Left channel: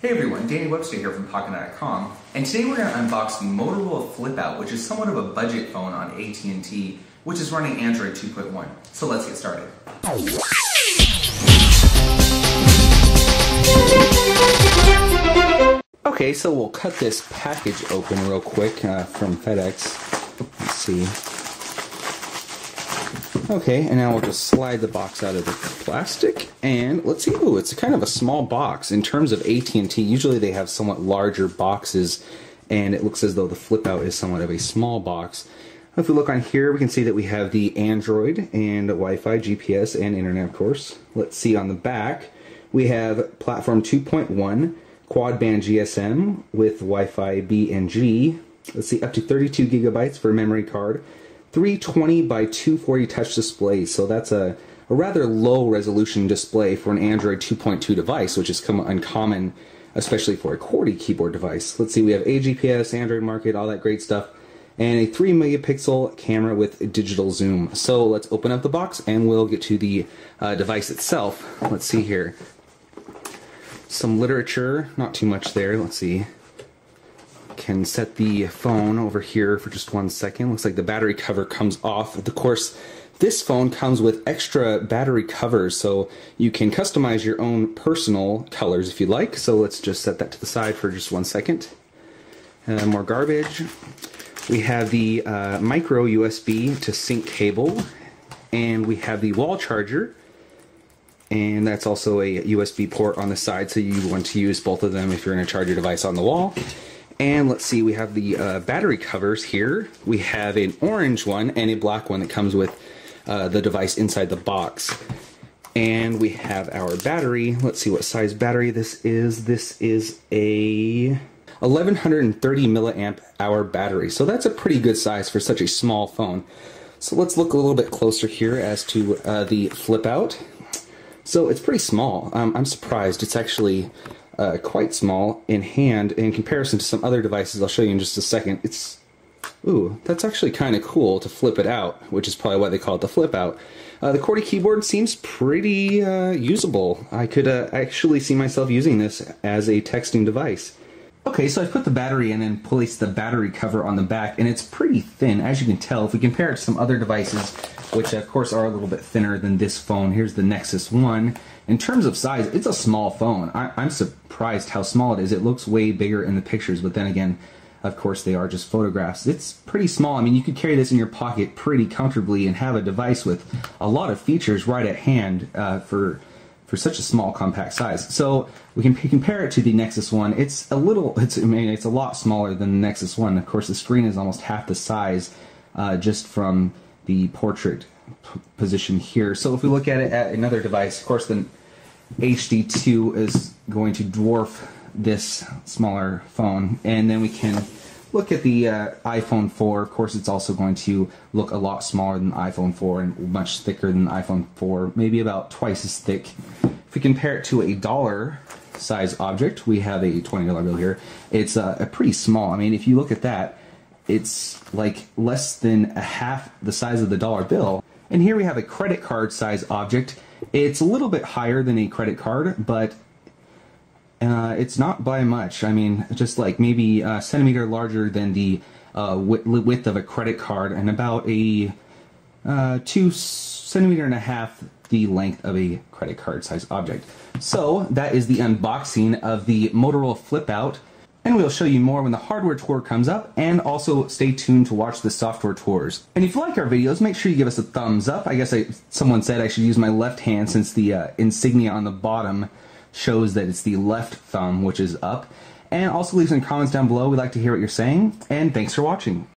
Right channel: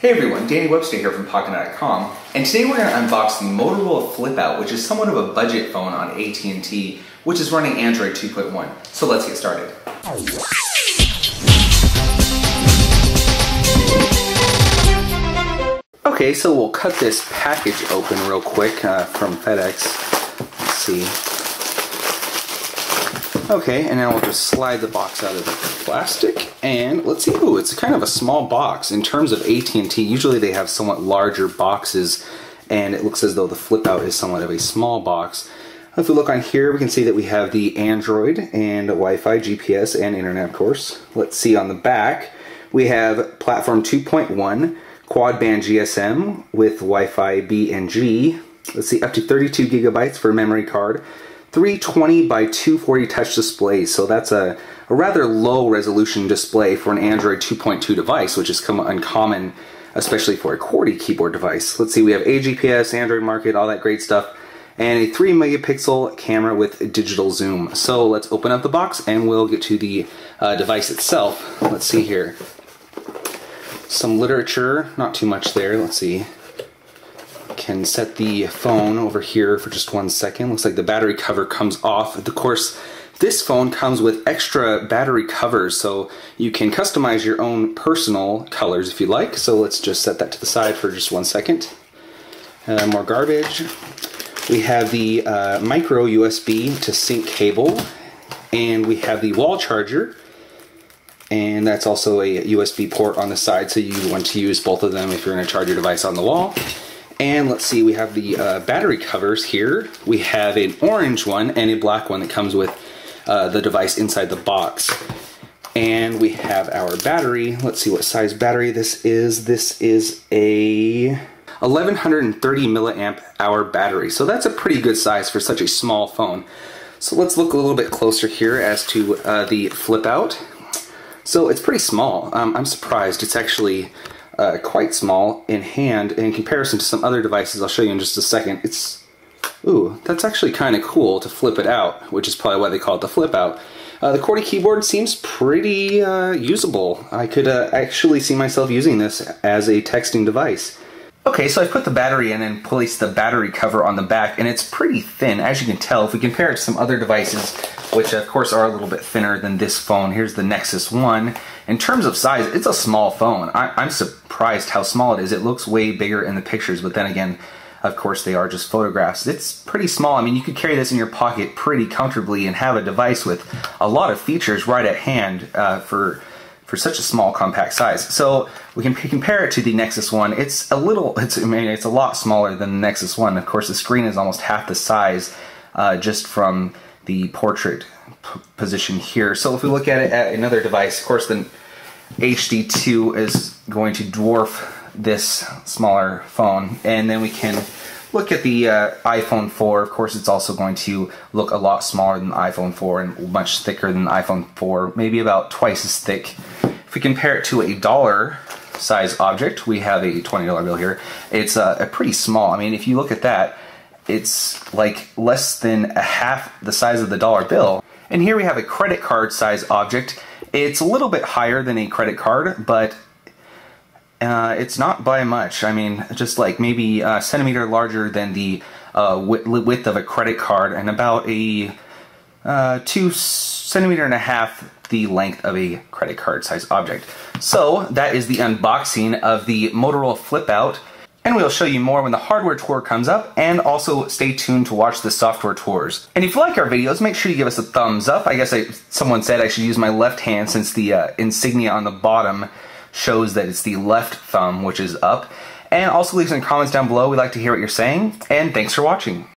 Hey everyone, Danny Webster here from Pocketnow.com, and today we're going to unbox the Motorola Flipout, which is somewhat of a budget phone on at&t, which is running Android 2.1. So let's get started. Okay, so we'll cut this package open real quick from FedEx. Let's see. Okay, and now we'll just slide the box out of the plastic, and let's see. Ooh, it's kind of a small box. In terms of at&t, usually they have somewhat larger boxes, and it looks as though the Flipout is somewhat of a small box. If we look on here, we can see that we have the Android and Wi-Fi, GPS, and Internet, of course. Let's see on the back, we have platform 2.1, quad band GSM with Wi-Fi B and G. Let's see, up to 32 gigabytes for memory card. 320 by 240 touch display, so that's a rather low resolution display for an Android 2.2 device, which is uncommon, especially for a QWERTY keyboard device. Let's see, we have a GPS, Android Market, all that great stuff, and a 3 megapixel camera with digital zoom. So let's open up the box and we'll get to the device itself. Let's see here. Some literature, not too much there. Let's see. Can set the phone over here for just 1 second. Looks like the battery cover comes off. Of course, this phone comes with extra battery covers, so you can customize your own personal colors if you like. So let's just set that to the side for just 1 second. More garbage. We have the micro USB to sync cable, and we have the wall charger, and that's also a USB port on the side, so you want to use both of them if you're going to charge your device on the wall. And let's see, we have the battery covers here. We have an orange one and a black one that comes with the device inside the box. And we have our battery. Let's see what size battery this is. This is a 1130 milliamp hour battery. So that's a pretty good size for such a small phone. So let's look a little bit closer here as to the Flipout. So it's pretty small. I'm surprised. It's actually quite small in hand in comparison to some other devices I'll show you in just a second. Ooh, that's actually kind of cool to flip it out, which is probably why they call it the Flipout. The QWERTY keyboard seems pretty usable. I could actually see myself using this as a texting device. Okay, so I put the battery in and placed the battery cover on the back, and it's pretty thin, as you can tell. If we compare it to some other devices, which of course are a little bit thinner than this phone, here's the Nexus 1. In terms of size, it's a small phone. I'm surprised how small it is. It looks way bigger in the pictures, but then again, of course, they are just photographs. It's pretty small. I mean, you could carry this in your pocket pretty comfortably and have a device with a lot of features right at hand for such a small, compact size. So we can compare it to the Nexus 1. It's a lot smaller than the Nexus 1. Of course, the screen is almost half the size just from the portrait position here. So if we look at it at another device, of course, the HD2 is going to dwarf this smaller phone. And then we can look at the iPhone 4. Of course, it's also going to look a lot smaller than the iPhone 4 and much thicker than the iPhone 4, maybe about twice as thick. If we compare it to a dollar size object, we have a $20 bill here. It's a pretty small. I mean, if you look at that, it's like less than a half the size of the dollar bill. And here we have a credit card size object. It's a little bit higher than a credit card, but it's not by much. I mean, just like maybe a centimeter larger than the width of a credit card, and about a 2.5 centimeters the length of a credit card size object. So that is the unboxing of the Motorola Flipout, and we'll show you more when the hardware tour comes up, and also stay tuned to watch the software tours. And if you like our videos, make sure you give us a thumbs up. I guess someone said I should use my left hand since the insignia on the bottom shows that it's the left thumb, which is up. And also leave some comments down below. We'd like to hear what you're saying, and thanks for watching.